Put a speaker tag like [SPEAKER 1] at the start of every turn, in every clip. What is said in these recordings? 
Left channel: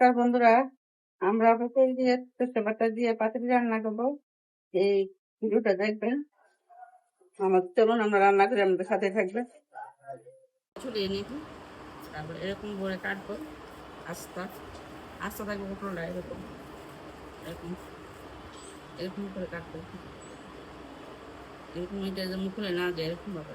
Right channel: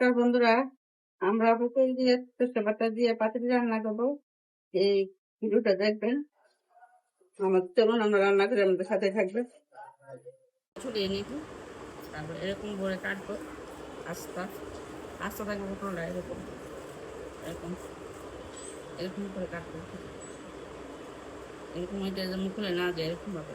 [SPEAKER 1] নমস্কার বন্ধুরা। আমরা পটল দিয়ে সর্ষে বাটা দিয়ে পাতুরি রান্না করব। এই ভিডিওটা দেখবেন। আমার যেমন আমরা রান্না করে আমাদের সাথে থাকবে। ছড়িয়ে নিব, তারপর এরকম করে কাটবো, আস্তা। আস্তা থাকবে পটলটা এরকম। এরকম এরকম করে কাটবো। এরকম এটা খুলে না যায়, এরকম ভাবে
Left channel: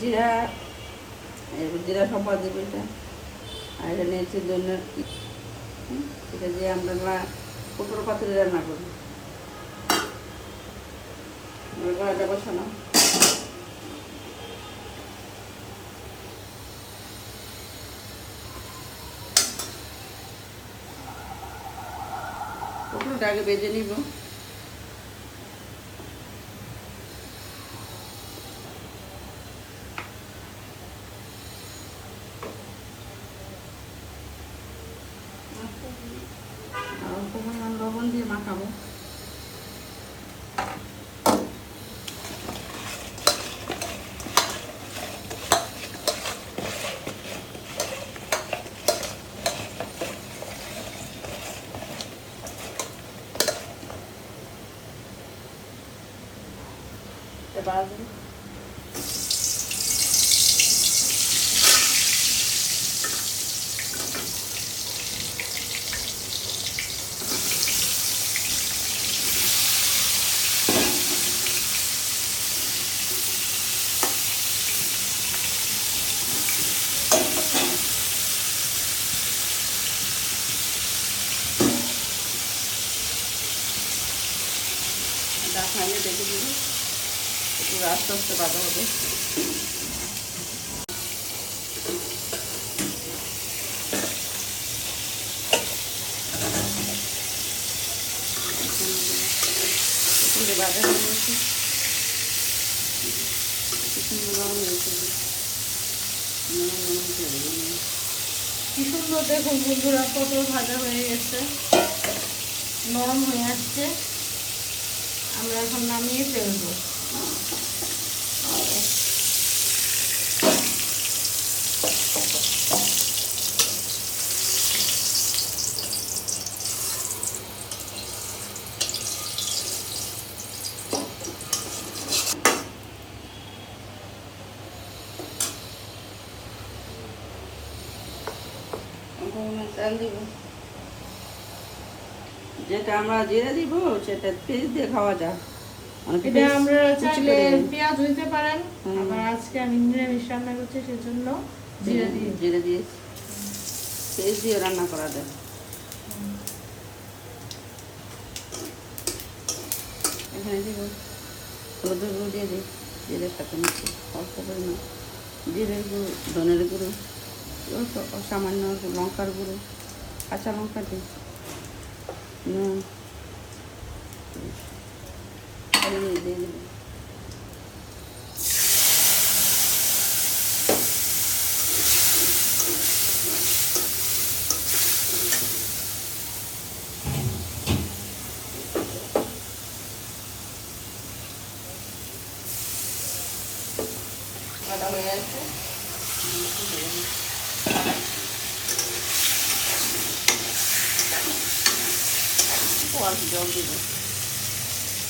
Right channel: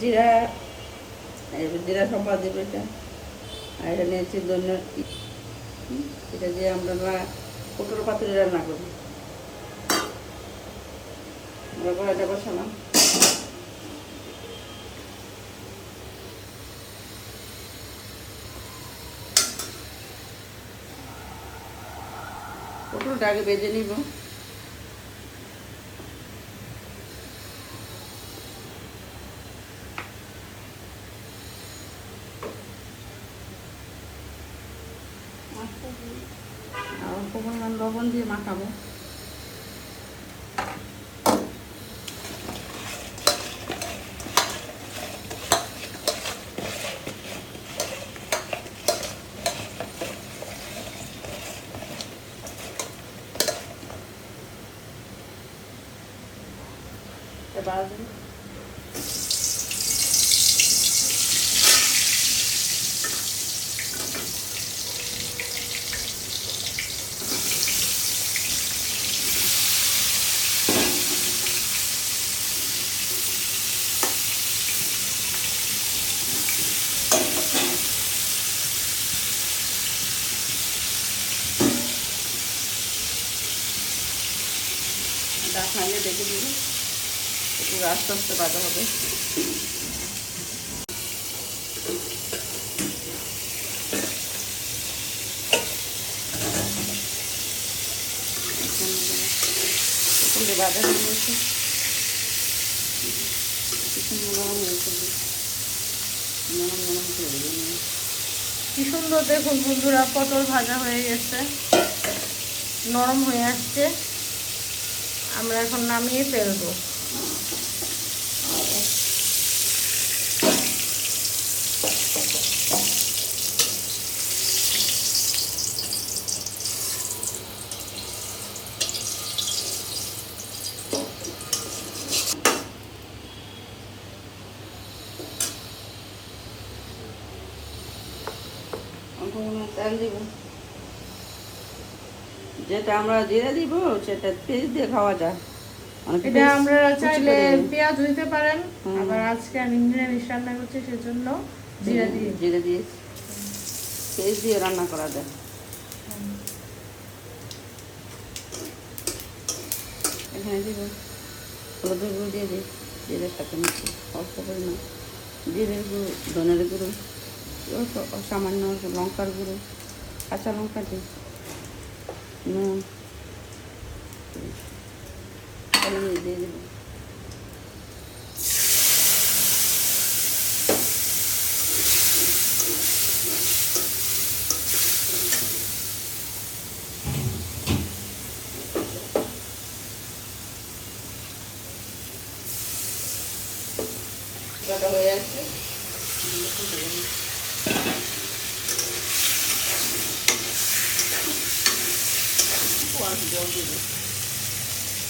[SPEAKER 1] জিরা, এই জিরা সম্পা দেবে এটা। আর এটা নিয়েছি ধন্য এটা দিয়ে আমরা পটল পাতুরি রান্না করব। আমরা কড়াইটা বসালাম। পটলটা আগে বেজে নিব আর অল্প পরিমাণ লবণ দিয়ে মাখাবো। এবার ডাকনাইয়ে দেখে দিবি। একটু আস্তে আস্তে বাঁধা হবে।
[SPEAKER 2] কি সুন্দর দেখুন বন্ধুরা, পটল ভাজা হয়ে গেছে, নরম হয়ে আসছে। আমরা এখন নামিয়ে ফেলব।
[SPEAKER 1] অল্প পরিমাণ তেল দিব। যেটা আমরা জিরে দিব সেটা পেঁয়াজ দিয়ে খাওয়া যায়।
[SPEAKER 2] এটা আমরা চাইলে পেঁয়াজ দিতে পারেন। আবার আজকে আমি নিরামিষ রান্না করছি সেজন্য জিরা দিয়ে।
[SPEAKER 1] জিরে দিয়ে। পেঁয়াজ দিয়ে রান্না করা যায়। এখানে দিব হলুদের গুঁড়ো দিয়ে দিই। জিরের সাথে মিশিয়ে অল্প পরিমাণ জিরের গুঁড়ো ধনের গুঁড়ো অল্প সামান্য লঙ্কার গুঁড়ো কাঁচা লঙ্কা দিই। নুন হলুদ দিয়ে দেবো বাটা হয়ে আছে অল্প জল দিব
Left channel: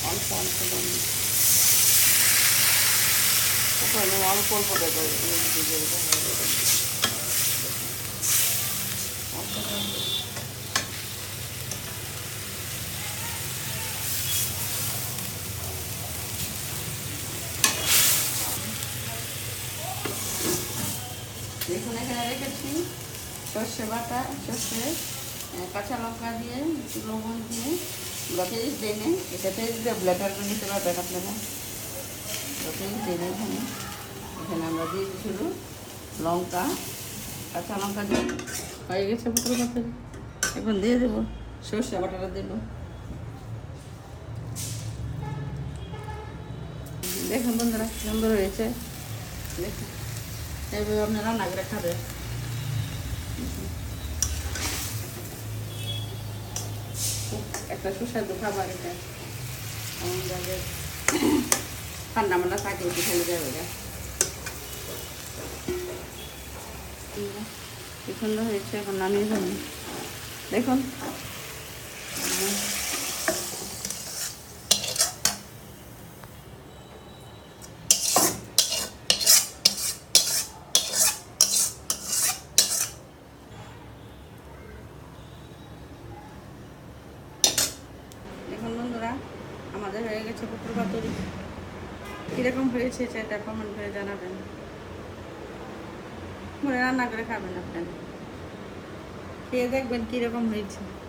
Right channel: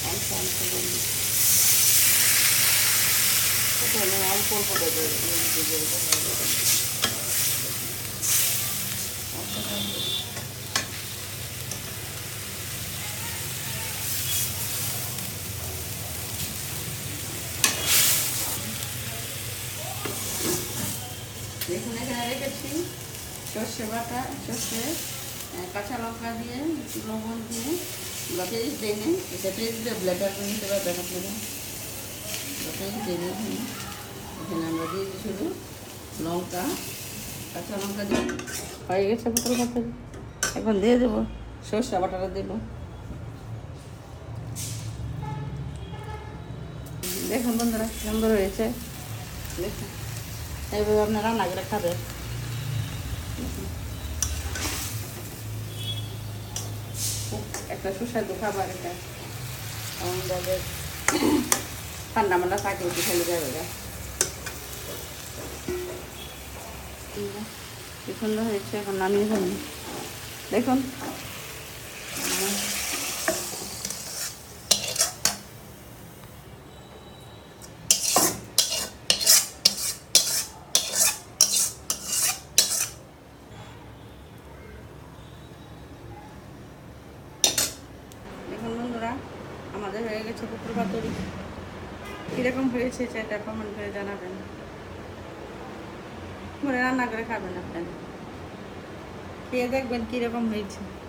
[SPEAKER 1] অল্প অল্প জল দিব অল্প অল্প দেবো অল্প। দেখুন এখানে রেখেছি সর্ষে বাটা সর্ষে কাঁচা লঙ্কা দিয়ে, একটু লবণ দিয়ে আমরা পেস্ট দিয়ে নিই এটা পেস্ট দিয়ে ব্লেটার করে নিতে পারবেন আপনারা। দিয়ে নিই এখানে। এখানে আমরা দিয়ে দিচ্ছিল লঙ্কা, কাঁচা লঙ্কা দিয়ে। হয়ে গেছে পুকুর পাতে এখন দিয়ে দেবো। সর্ষে বাটাটা দেবো। দেখুন বন্ধুরা, সুন্দর হয়েছে। দেখুন। এইভাবে আপনারা রান্না করে খুব একটা সুস্বাদু খাবার এটা ঠান্ডা মান্ডা থাকে উঠে খেলে যাবে এটা কি সুন্দর হয়েছে, এখন নামিয়ে দেখুন বন্ধুরা হয়ে পুকুর হয়েছে সেটা কমেন্ট করে জানাবেন। মনে রান্না করে খাবেন আপনারা। খেয়ে দেখবেন কীরকম হয়েছে।